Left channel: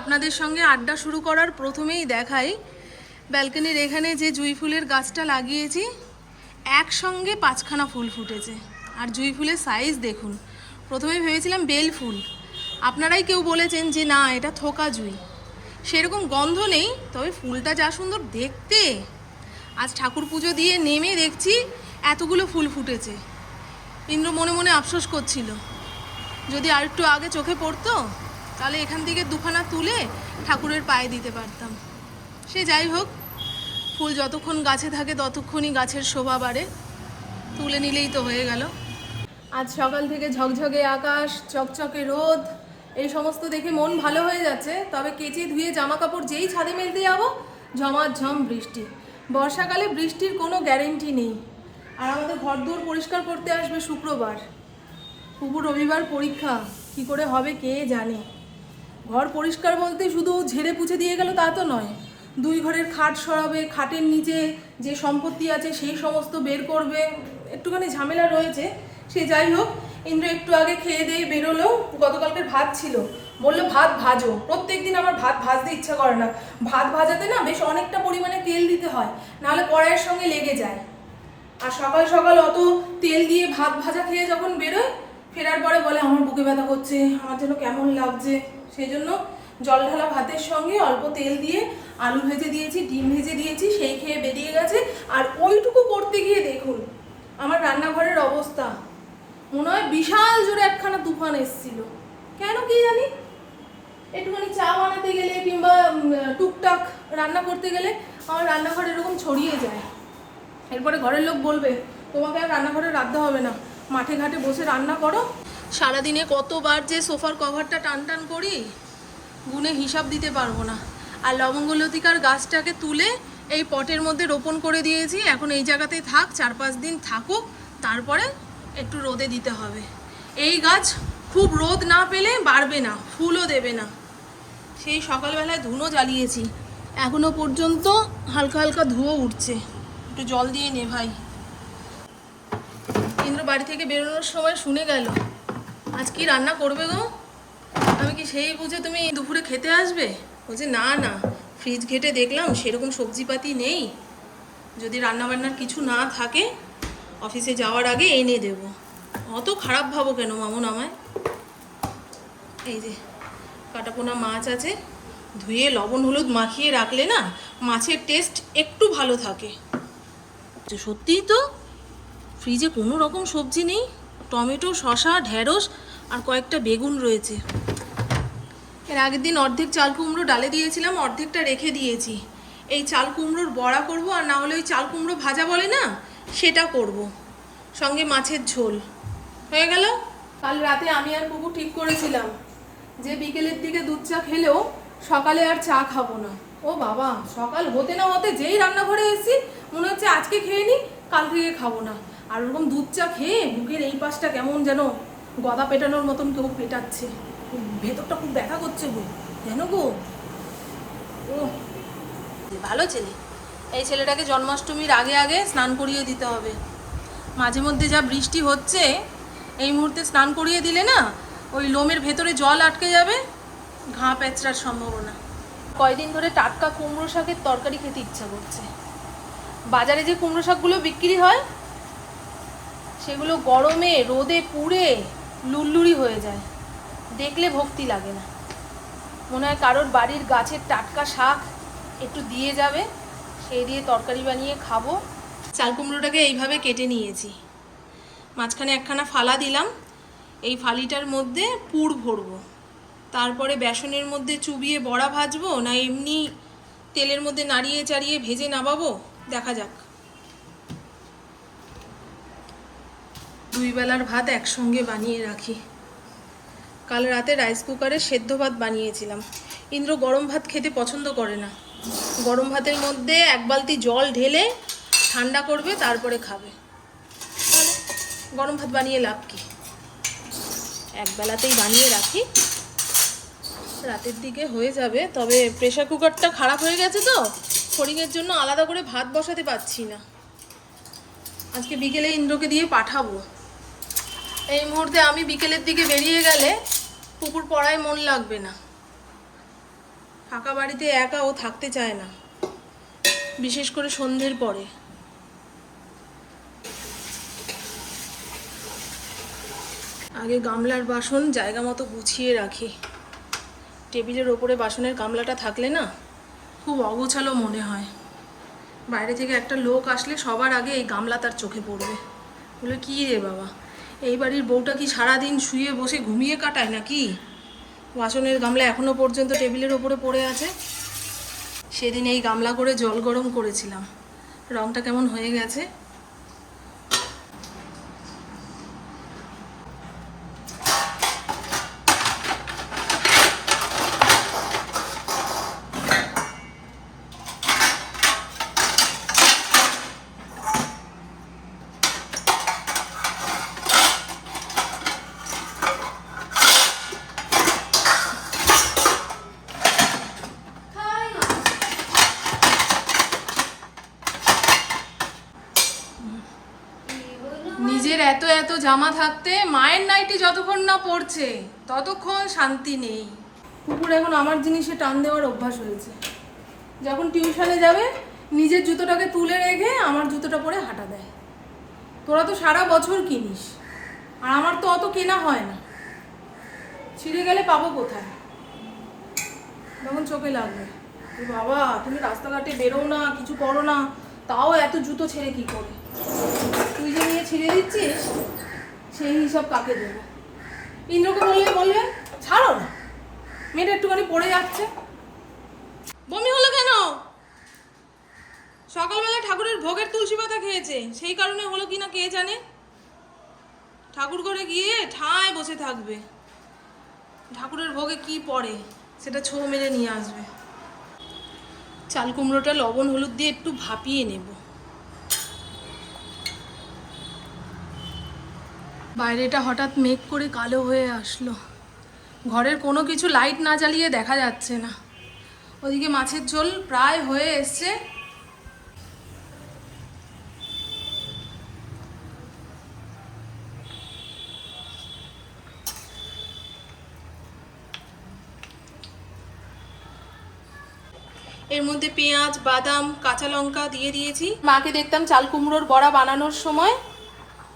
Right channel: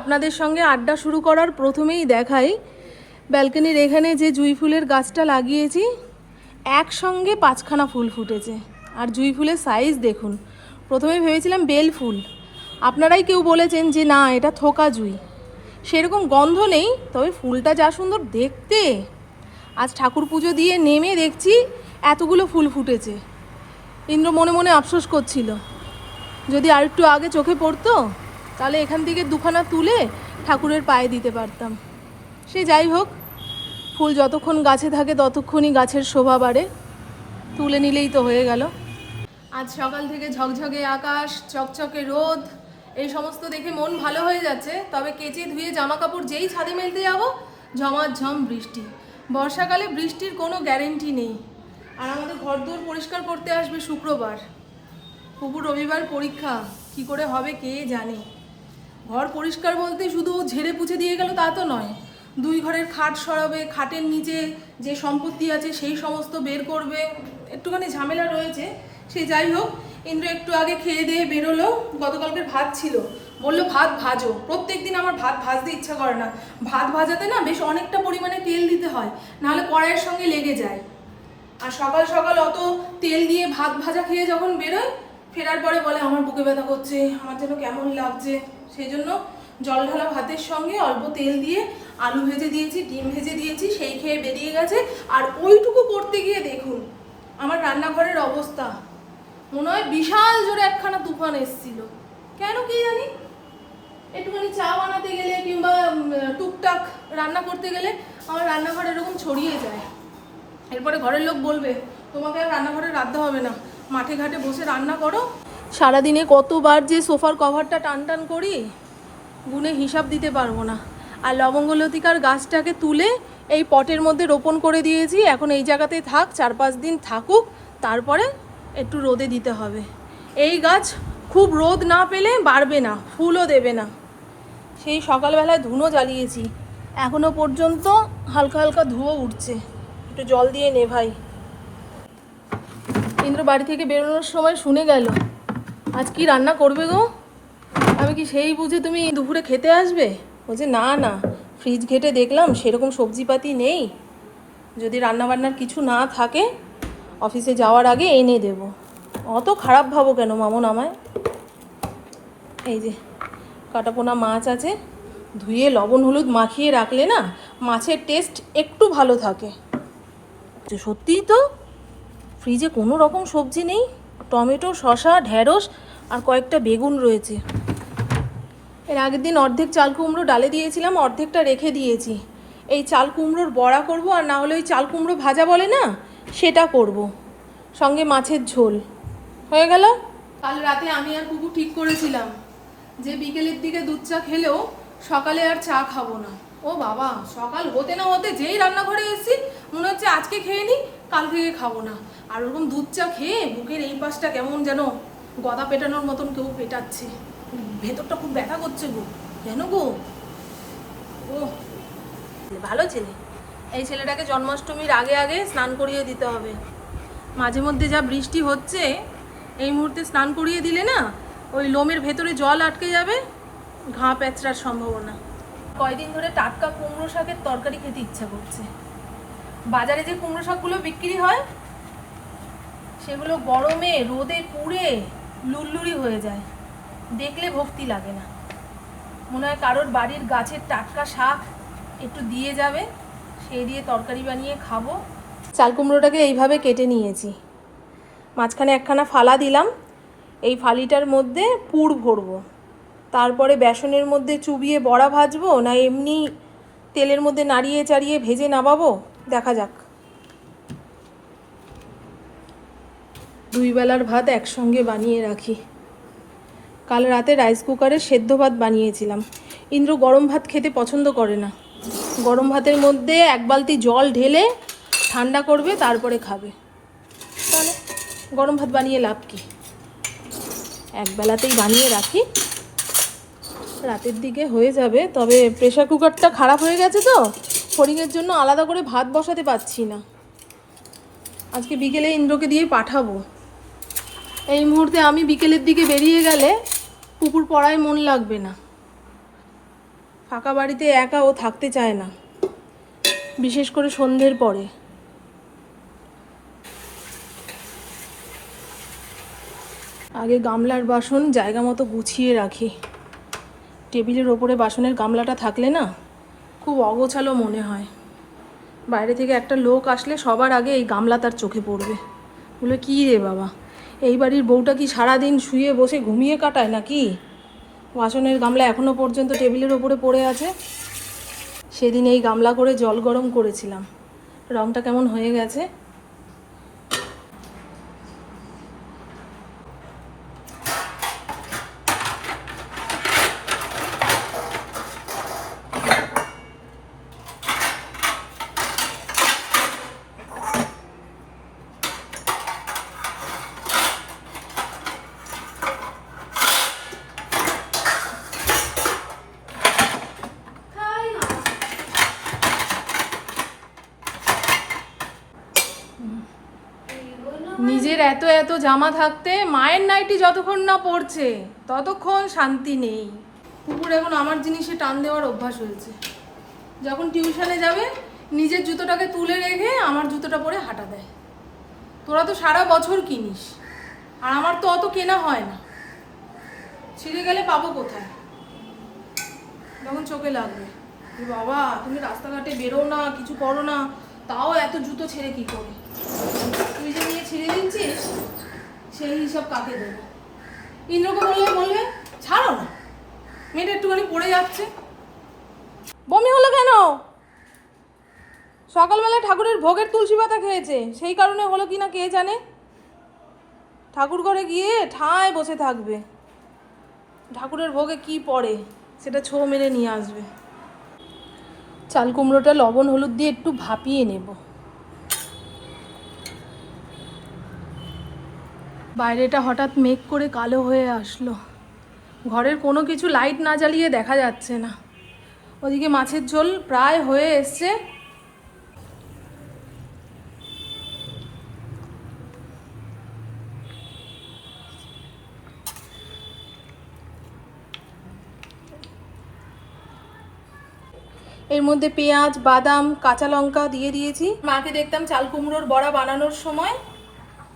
আপনাদের সঙ্গে আড্ডা শুরু করার প্রথমেই দেখাই। ব্যালকনির এখানে যে জুই ফুলের গাছটা লাগিয়েছি, একসঙ্গে পাঁচখানা ফুল ফুটেছে। আর জুই ফুলের সাইজ দেখুন। প্রথমে ভেবেছিলাম বেল ফুল। আপনারাই কেউ বলেছেন যে না, এটা থোকা জুই। সেরকম গন্ধ নেই, তবে ফুলটা যা সুন্দর দেখতে। আজ ঠাকুর পুজো দিয়ে নেমে দেখছি এতগুলো ফুল ফুটেছে। ইন্দ্র মনে মনে আফসোস করছিল। যদি আর একটু আগে চোখে পড়তো তাহলে এখান থেকে দুখানা তুলে ঠাকুরের পায়ে দিতে পারতাম। সে যাই হোক, ফুল যতক্ষণ গাছে থাকে ততক্ষণই গাছের শোভা বাড়ে। তুলে নিলেই তো হয়ে গেল। আজ সকাল থেকে ঝকঝকে আকাশ, চকচকে রোদ, এই সমস্ত দেখে মন ভালো হয়ে যাচ্ছে। তবে কেচে ধুয়ে জামা কাপড় যেই ছাদে মেলতে যাব, ঝমাঝম বৃষ্টি। বর্ষাকালে বৃষ্টির কোনো গ্যারেন্টি নেই। আর আমাদের ঘর দুয়ার পরিষ্কার করতে আসবে শুক্রবার। পুকুর রবিবার পরীক্ষা। কি করে হবে কে জানে? ঘর পরিষ্কার বলতে শুধু ঝেড়ে পুছে দিয়ে গেল তা তো নয়। দুই ঘরের খাট সরাবে, খাটের নিচে যে সম্পত্তি আছে সেই সমস্ত বের করবে, একটুখানি ঝামেলা রয়েছে। সে যাই হোক, ইন্দ্র একটু আগে খেয়ে দিয়ে বেরোলো, গতকালকের ভাত ছিল। বলল, ভাত ভাজো। প্রত্যেক দিন আমার ভাত ভাজতে ইচ্ছা করে না। ভাত ভাজাতে না বেশ অনেকটা পরিমাণে তেল দিতে হয়, নাহলে কড়াইয়ের সঙ্গে লেগে যায়। আর সকাল সকাল অত তেল দিয়ে ভাত ভাজা খেয়ে যখন বেরোয়, ফেরার পরে বলে, আমার বুকে ব্যথা করছে, আমার যেন কেমন লাগছে। সেই জন্য জল ঢালা ভাতের সঙ্গে অল্প তেল দিয়ে আলু ভেজে দিয়েছি, ডিম ভেজে দিয়েছি, সেই খেয়ে বেরিয়ে গেছে। আর ওইটুকু করতে গিয়ে দেখুন, আমার রান্নাঘরের অবস্থা। মনে হয় বিশাল জোরে একখানা তুফান এসেছিল। কেন কি জানি? একটুখানি চা বানাতে গেলে কিংবা টুকটাক রান্না করতে গেলে আমার রান্নাঘর এরকম ছড়িয়ে যায়। এরপরে ঘরের লোক বলবে, তোমাকে আর রান্নাঘরে রাখতে হবে না। মাঠে ঘাটে বসে রান্না করো সারাদিনে কতবার যে সোফার কভারটা টান টান করি, গুনে হিসাব দিতে পারব না। আর লবঙ্গলতিকার গাছটাকে তুলে এই পটের মধ্যে রোপণ করে দিয়েছি। এখন এই জায়গাতেই থাক চার পাঁচ দিন থাকুক, তারপরে একটু রোদে দিতে হবে। এই গাছ খুব রোদ না পেলে বাড়বে না, ফুলও দেবে না। সেই সকালবেলায় ধুনো জ্বালিয়েছি। এখনও পর্যন্ত হালকা হালকা ধুয়ো উঠছে। একটু জল দিয়ে নে ভাই। ইন্দ্র বাড়ি থেকে বেরোনোর সময় শুনে গেল। আজ কি রান্না করবে গো? আমি কি সেই বুঝে তুমি দুপুরে খেতে আসবে? বলছে, না না ফ্রিজ ঘেটে দেখলাম, সেরকম সবজিপাতি নেই। যদি রান্নাবান্নার কিছু না থাকে অফিসে যাওয়ার আগে এনে দেব। অত খারাপ ভাবো কেন মামন আমায়? এই যে, কাটাপোনা মাছ আছে, ধুয়ে লবণ হলুদ মাখিয়ে রাখলে না, মাছের টেস্ট একটু ভালো থাকে। সত্যিই তো ফ্রিজে কোনো রকম সবজি নেই। টমেটো, শসা ঢ্যাঁড়স আর কয়েকটা বেগুন রয়েছে। এর আগের দিন অর্ধেক চাল কুমড়ো ডালে দিয়েছিলাম, অর্ধেকটা রেখে দিয়েছি। এই চাল কুমড়োর বড়া করব আর না হলে ওই চাল কুমড়ো ভাজা বলে না, সেটা করব। সঙ্গে মাছের ঝোল। হয়ে গেল? কাল রাতে আমি আর পুকু ঠিক করেছিলাম যে বিকেলের দিকে দুধ চা খেলেও সকালে আর চা খাব না। ও বাবা, সকাল হতে না হতে যেই রান্নাঘরে এসেছি, মনে হচ্ছে আজকে খেয়ে নি, কাল থেকে খাব না। আর ওরকম দুধ চা খেয়ে বুকের এই পাশটা কেমন যেন গদা পেটানোর মতন কেউ পেটাচ্ছে। ভেতরটা খুব ব্যথা করছে গো। কেন গো? ও। ভালো ছেলে। এই ছেলেটাকে জন্মাষ্টমীর আগে আগে স্নান করিয়ে দিতে হবে। মাঝে মধ্যে যা বৃষ্টি হচ্ছে, এই মুহূর্তে স্নান করিয়ে দিলে না, ওই লোমের ভেতরে জল আটকে যাবে, ঘা প্যাচড়ার সম্ভাবনা। কয়দিন ধরে টাটকা কুমড়ো শাকের তরকারি খেতে ইচ্ছা করছে। বাজারে যে কুমড়ো শাকগুলো বিক্রি হয়, সেগুলো গরমে, রোদে পুড়ে লুল্লুরি হয়ে যায়। দেখলে ভক্তি লাগে না। মনে হয় কারোর বাড়ির গাছের টাটকা শাক একটু দিয়ে যাবে, সেই দিয়ে তরকারি বানিয়ে খাব। চাল কুমড়োটাকে এইভাবে কেটে নিয়েছি। মাঝখানে একখানা ফালা দিলাম, এই ফালিটার মধ্যে পুর ভরবো। তারপরে বেসনের মধ্যে চুবিয়ে বড়া ভাজবো, না এমনি তেলের মধ্যে নাড়িয়ে চাড়িয়ে ভেজে নামাবো দেখা যাক। দুই বেলার ভাত একসঙ্গে বানিয়ে রাখি। কাল রাতে রাইস কুকারে সেদ্ধ ভাত বানিয়েছিলাম। ইন্দ্র গরম ভাত খেতে পছন্দ করে না। গরম ভাতের মধ্যে এক বালতি জল ঢেলে ঠান্ডা করবে, তারপরে খাবে। তাহলে গরম ভাত বানিয়ে লাভ কি? এক বেলাতেই বানিয়ে রাখি। রাতের দিকে হয়ে যাবে, তবে প্রেশার কুকারটা খারাপ হয়ে গেছে তো। ফড়িংয়ের জন্য আলাদা করে ভাত বসাতে পারছি না। আজকে বিকেলে ইন্দ্রকে দিয়ে পাঠাবো। এই মুহূর্তে আমি বিকেলের দিকে বেরিয়ে গেলে পুকুর পড়ায় মন লাগবে না। ফাঁকা বাড়িতে একা ও থাকতে চায় না, বিশেষ করে সন্ধ্যের পরে। আগে গামলার বাসন জায়গা মতো গুছিয়ে রাখি। টেবিলের ওপরে বাসনের গামলাটা থাকলে না খুব অগোছালো মনে হয়। বাইরে থেকে একটা লোক আসলে সবার আগে এই গামলা তার চোখে পড়বে। বলে, কী রে বাবা? এই বাড়ির বউটা কি সারাদিন শুয়ে বসে ঘুমিয়ে কাটায় নাকি? বাসনের গামলা এখনও পর্যন্ত টেবিলের ওপরে পড়ে আছে। সেদিন এই গামলা করে জল গরম করেছিলাম। রংটা কেমন হয়ে গেছে নিজের এত এত জামা থাকতে মায়ের নাইটি যতক্ষণ না পড়ছে, ততক্ষণ শান্তি নেই। কুকুর এখন আমার জিনিসে টান দেওয়ার অভ্যাস হয়েছে। যখন টিউশনে যাবে, নিজের জুতোটাকে তুলে রেখে আমার জুতোটা পরে হাঁটা দেয়। তোরা তো সারা বছর কিনিস, আর আমার তো অত কেনা হয় না। ছিঁড়ে গেলে পাবো কোথায়? তখন চোখে লাগবে। বাবা, তুমি রাস্তাঘাটে বেরো না, কিছু করো না, তাও এত জুতো ছেড়ে কি করে? তুই যে নিয়ে ছিঁড়ে দিচ্ছিস সেই হিসাব কাকে দেবো? ইন্দ্রকে বললে বলবে ছাড়ো না। মেয়েটা একটুখানি পড়ে যাচ্ছে। বমি হলো কেন? সকালবেলা ঠাকুরের ভোগের তুলসী পাতা খেয়েছে। সেই কারণে হলো কি না কে জানে? ঠাকুর ঘরে গিয়ে ঠায় বসে থাকবে। ঠাকুরের ভোগে কি পড়ে, সেটা ছো মেরে নিয়ে আসবে। চাল কুমড়োটা লবণ হলুদ দিয়ে একটু ভাপিয়ে নেব। বাইরেটা হঠাৎ মেঘ করে কালো হয়ে আসলো। ঘরের কোনো কিছু লাইট না জ্বালিয়ে দেখা যাচ্ছে না। ওদিকে মাছের ঝোল প্রায় হয়ে এসছে। এর মধ্যে পেঁয়াজ, বাদাম, কাঁচা লঙ্কা দিয়ে দিয়েছি। মাকে দেখতাম চাল কুমড়োর বড়া বানানোর সময়।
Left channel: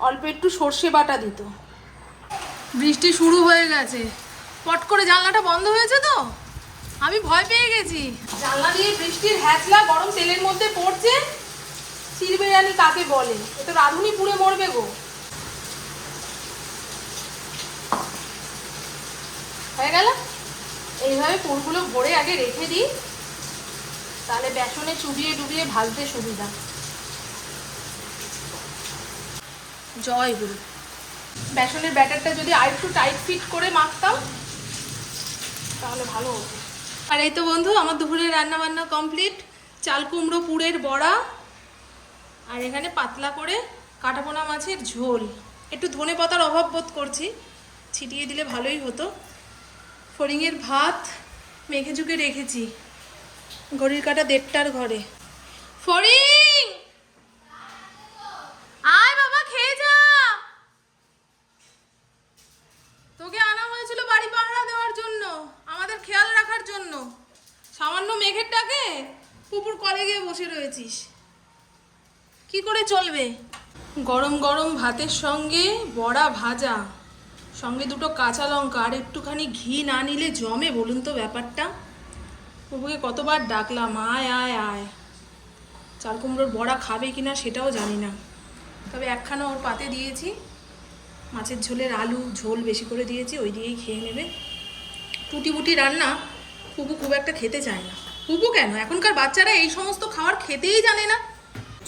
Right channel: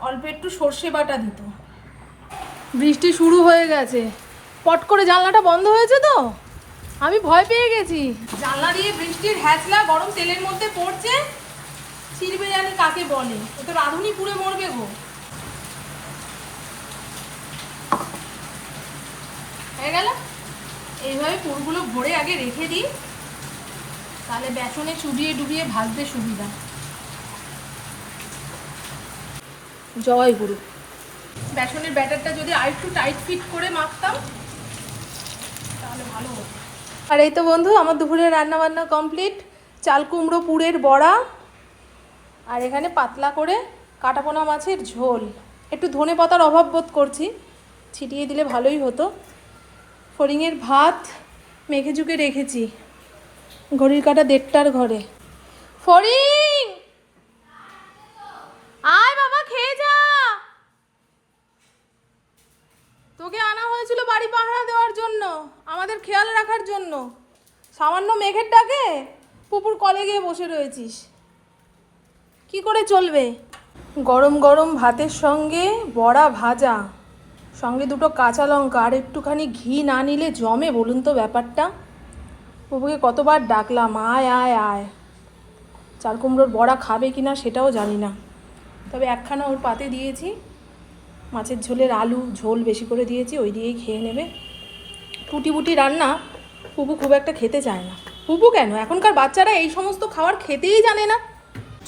অল্প একটু সর্ষে বাটা দিত। বৃষ্টি শুরু হয়ে গেছে। পট করে জানলাটা বন্ধ হয়েছে তো? আমি ভয় পেয়ে গেছি। জানলা দিয়ে বৃষ্টির হ্যাচলা গরম তেলের মধ্যে পড়ছে? চিরবে জানি কাকে বলে। এ তো রাঁধুনি পুড়ে মরবে গো। হয়ে গেল? এইভাবে পুরগুলো ভরে আগে রেখে দিই। তাহলে বেসনে চুবিয়ে ডুবিয়ে ভাজতে সুবিধা। জয় গুরু। বেসনের ব্যাটারটা যদি আরেকটু টাইট ফিট করে মাখতাম, তাহলে ভালো হতো। আর এই তো বন্ধু, আমার দুপুরের রান্না বান্না কমপ্লিট চাল কুমড়ো, পুরের বড়া, আর এখানে পাতলা করে কাটাপোনা মাছের ঝোল। একটু ধনে পাতার অভাব বোধ করছি, ছিটিয়ে দিলে ভালোই হতো। ফড়িংয়ের ভাত মেঘে ঝুঁকে রেখেছি, ঘড়ির কাটা দেড়টার ঘরে। ফড়িং! আয় বাবা, খেয়ে যা। তোকে আনা হয়েছিল বাড়ি পাহারা দেওয়ার জন্য, আমাদের খেয়াল রাখার জন্য। সামান্য মেঘের ডাকে পুকুর কলে গিয়ে বসে রয়েছিস। কি করে চলবে? গরম গরম ভাতের সঙ্গে বড়া ভাজা, সঙ্গে দুটো কাঁচা লঙ্কা, আর একটুখানি ঘি না নিলে জমে, বলুন তো ব্যাপারটা। পুপুকে কতবার ডাকলাম, আয় আয় আয়। চাল কুমড়োর বড়া খাবে কি না সেটাও জানি না। তবে একখানা ওর পাতে দিয়েছি। মাছের ঝোলের আলু ঝোল বেশি করে দিয়েছি ওই দিয়েই খেয়ে নেবে। টুটি বুটি রান্না পুপু খুব একটা খেতে চায় না। পুপু কেন? এখনকার বাচ্চারা এই সমস্ত খাবার খেতেই জানে না।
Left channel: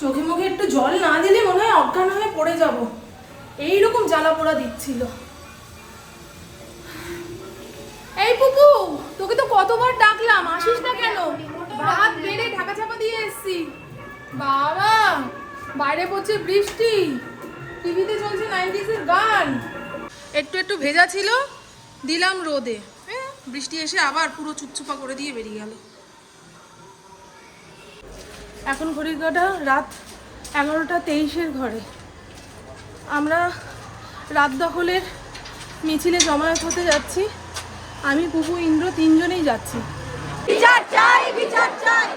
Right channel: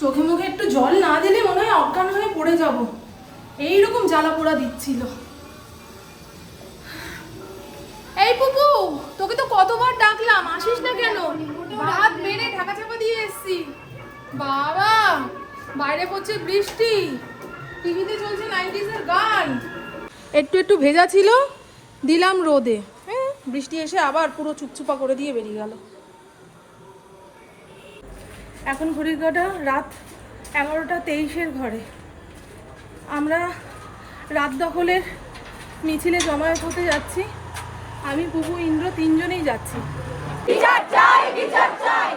চোখে মুখে একটু জল না দিলে মনে হয় অজ্ঞান হয়ে পড়ে যাব। এইরকম জ্বালা পোড়া দিচ্ছিল। এই পুপু তোকে তো কতবার ডাকলাম আসিস না কেন? ভাত বেড়ে ঢাকা চাপা দিয়ে এসছি। বাবা! বাইরে পড়ছে বৃষ্টি। টিভিতে চলছে নাইনটিসের গান। একটু একটু ভেজা ছিল, দিলাম রোদে। হ্যাঁ বৃষ্টি এসে আবার পুরো চুপচুপা করে দিয়ে বেরিয়ে গেল। এখন ঘড়ির কাটা রাত এগারোটা তেইশের ঘরে। আমরা রাত দখলের মিছিলে জমায়েত হতে যাচ্ছি। আমি, পুপু, ইন্দ্র তিনজনেই যাচ্ছি। বিচার চাই বিচার চাই।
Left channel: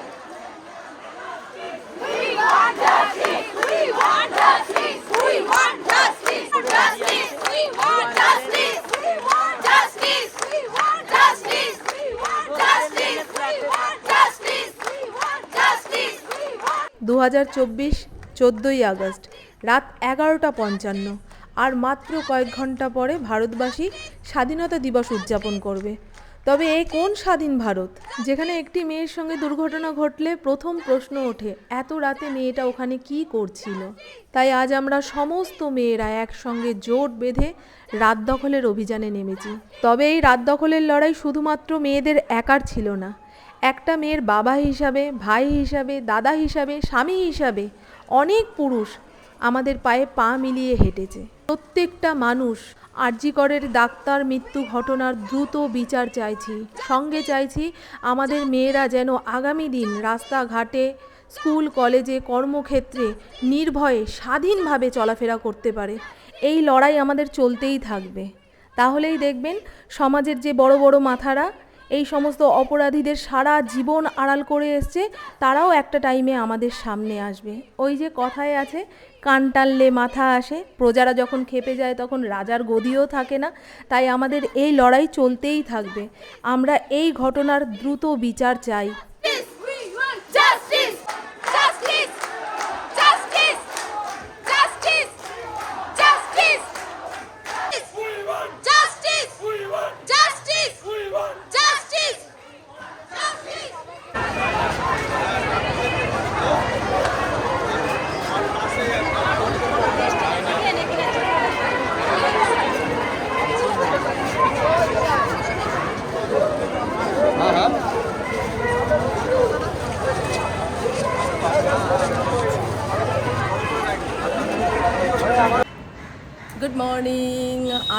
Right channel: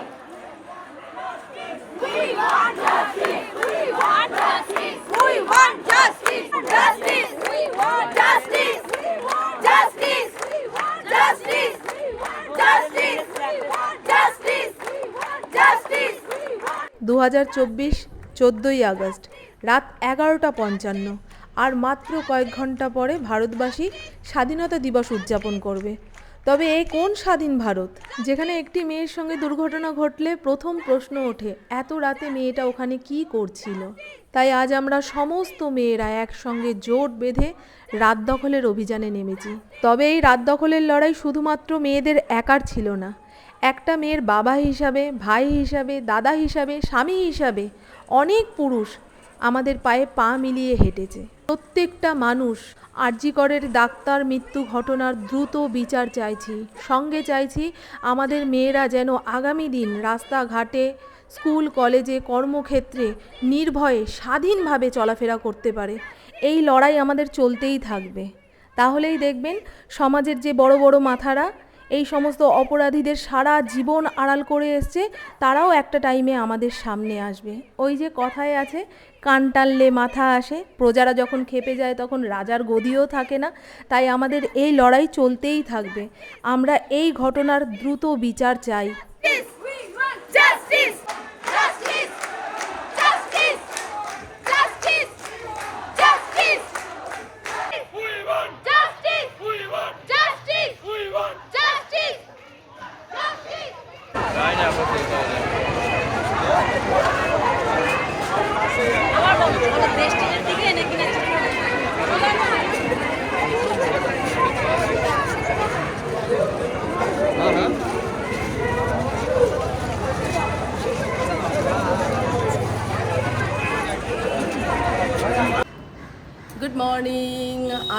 দু হাজার চব্বিশ চোদ্দোই আগস্ট, রাত এগারোটা পঞ্চান্ন। আর মাত্র কয়েক ঘণ্টা পরে ভারতবাসী স্বাধীনতা দিবস উদযাপন করবে। তবে এ কোন স্বাধীন ভারত? যেখানে একটি মেয়ের সঙ্গে দুর্ঘটনা ঘটলে প্রথম প্রশ্ন ওঠে, এত রাতে মেয়েটা ওখানে কি করছিল? তাই আজ আমরা সমস্ত মেয়েরা একসঙ্গে জোট বেঁধে রাত দখলের অভিযানে নেমেছি। তবে এই রাত দখলের লড়াই শুধুমাত্র মেয়েদের একার ছিল না। একটা মেয়ের বাবা হিসাবে, ভাই হিসাবে, দাদা হিসাবে, স্বামী হিসাবে অনেক পুরুষ আমাদের পায়ে পা মিলিয়ে হেঁটেছে। প্রত্যেকটা মানুষ আরজিকরের ডাক্তার মৃত্যু ঘটনার দ্রুত বিচার চাইছি। সঙ্গে চাইছি আমাদের মেয়েরা যেন আগামী দিন রাস্তাঘাটে, স্কুল, কলেজে, কর্মক্ষেত্রে নির্ভয়ে স্বাধীনভাবে চলাফেরা করতে পারে। এই লড়াই আমাদের চলতেই থাকবে। তাহলেই দেখবেন সমাজের যে বড় বড় মাথারা, এই সমস্ত অপরাধীদের সারা জীবন আড়াল করে এসছে, তারাও একটা টাইমে আমাদের সামনে আসবে। ওই যে কথায় আছে কান টানলে মাথা আসে। প্রজারা যখন খেপে যায় তখন রাজার গদিও থাকে না। তাই আমাদের এই লড়াই চলতেই থাকবে। আমরা এই ঘটনার দ্রুত বিচার চাই।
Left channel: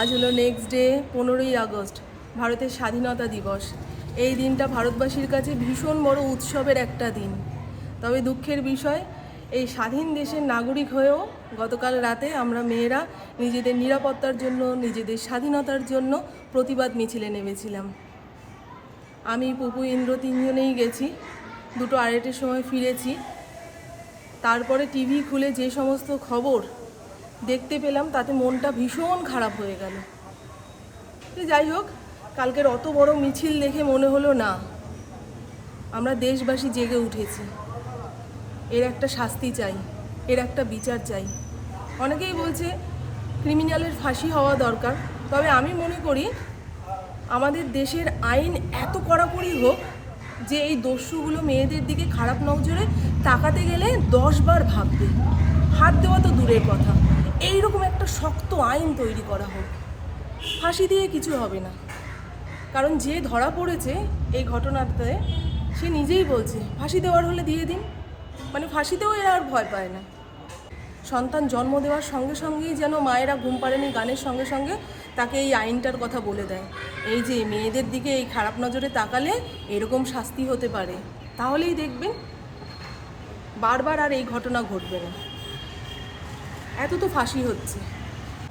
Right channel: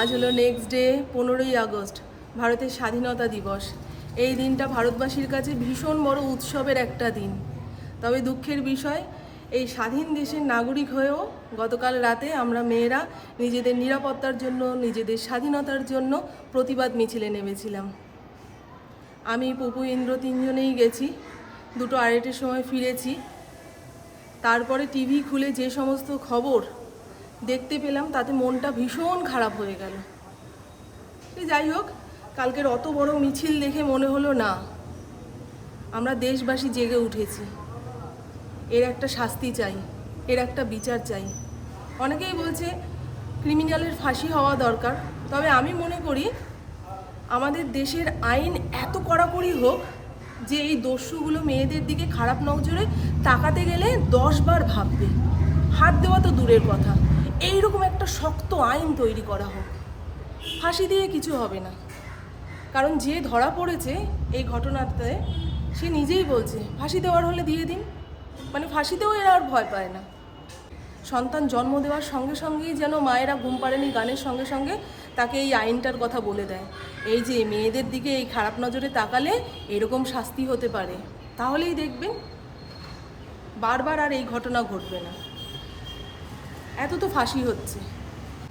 আজ হলো নেক্সট ডে পনেরোই আগস্ট, ভারতের স্বাধীনতা দিবস। এই দিনটা ভারতবাসীর কাছে ভীষণ বড় উৎসবের একটা দিন। তবে দুঃখের বিষয়, এই স্বাধীন দেশের নাগরিক হয়েও গতকাল রাতে আমরা মেয়েরা নিজেদের নিরাপত্তার জন্য, নিজেদের স্বাধীনতার জন্য প্রতিবাদ মিছিলে নেমেছিলাম। আমি, পপু, ইন্দ্র তিনজনেই গেছি। দুটো আড়াইটের সময় ফিরেছি। তারপরে টিভি খুলে যে সমস্ত খবর দেখতে পেলাম, তাতে মনটা ভীষণ খারাপ হয়ে গেল। যাই হোক, কালকের অত বড় মিছিল দেখে মনে হলো না, আমরা দেশবাসী জেগে উঠেছি। এর একটা শাস্তি চাই, এর একটা বিচার চাই। অনেকেই বলছে, ক্রিমিনালের ফাঁসি হওয়া দরকার। তবে আমি মনে করি, আমাদের দেশের আইন এত কড়াকড়ি হোক, যে এই দস্যুগুলো মেয়েদের দিকে খারাপ নজরে তাকাতে গেলে দশবার ভাববে। হাত দেওয়া তো দূরের কথা। এইরকম একটা শক্ত আইন তৈরি করা হোক। ফাঁসি দিয়ে কিছু হবে না। কারণ যে ধরা পড়েছে এই ঘটনাতে, সে নিজেই বলছে, ফাঁসি দেওয়ার হলে দিয়ে দিন। মানে ফাঁসিতেও এরা আর ভয় পায় না। সন্তান জন্ম দেওয়ার সঙ্গে সঙ্গেই যেন মায়েরা ঘুম পাড়েনি গানের সঙ্গে সঙ্গে, তাকে এই আইনটার কথা বলে দেয়। এই যে মেয়েদের দিকে এই খারাপ নজরে তাকালে এরকম শাস্তি হতে পারে, তাহলেই দেখবেন বারবার আর এই ঘটনা ঘটবে না। এত তো ফাঁসি হচ্ছে।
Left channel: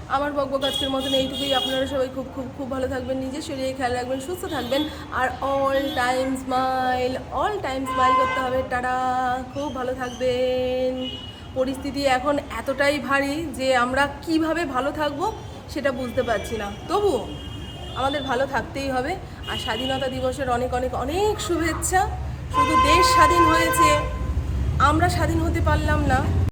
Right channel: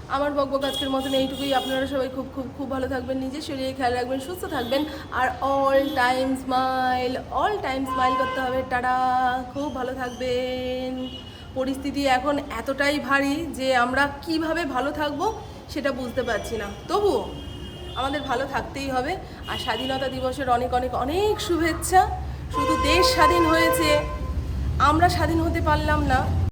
আমার বকবক আজকের মতন এইটুকুই। আপনারা সবাই খুব খুব খুব ভালো থাকবেন নিজের শরীরে খেয়াল রাখবেন, সুস্থ থাকবেন। আর all time smile all time smile করতে হবে। টাটা! খুব ভালো থাকবেন। পরিস্থিতি এখন এতটাই ভারী যে আমরা কীভাবে ভালো থাকব সেটা বুঝতে পারছি না। তবুও আমাদের ভালো থাকতেই হবে। আর স্বাধীনতা দিবসের অনেক অনেক অনেক শুভেচ্ছা। শুধু দেশ স্বাধীন হয়েছে, আমরা স্বাধীন হতে পারলাম না।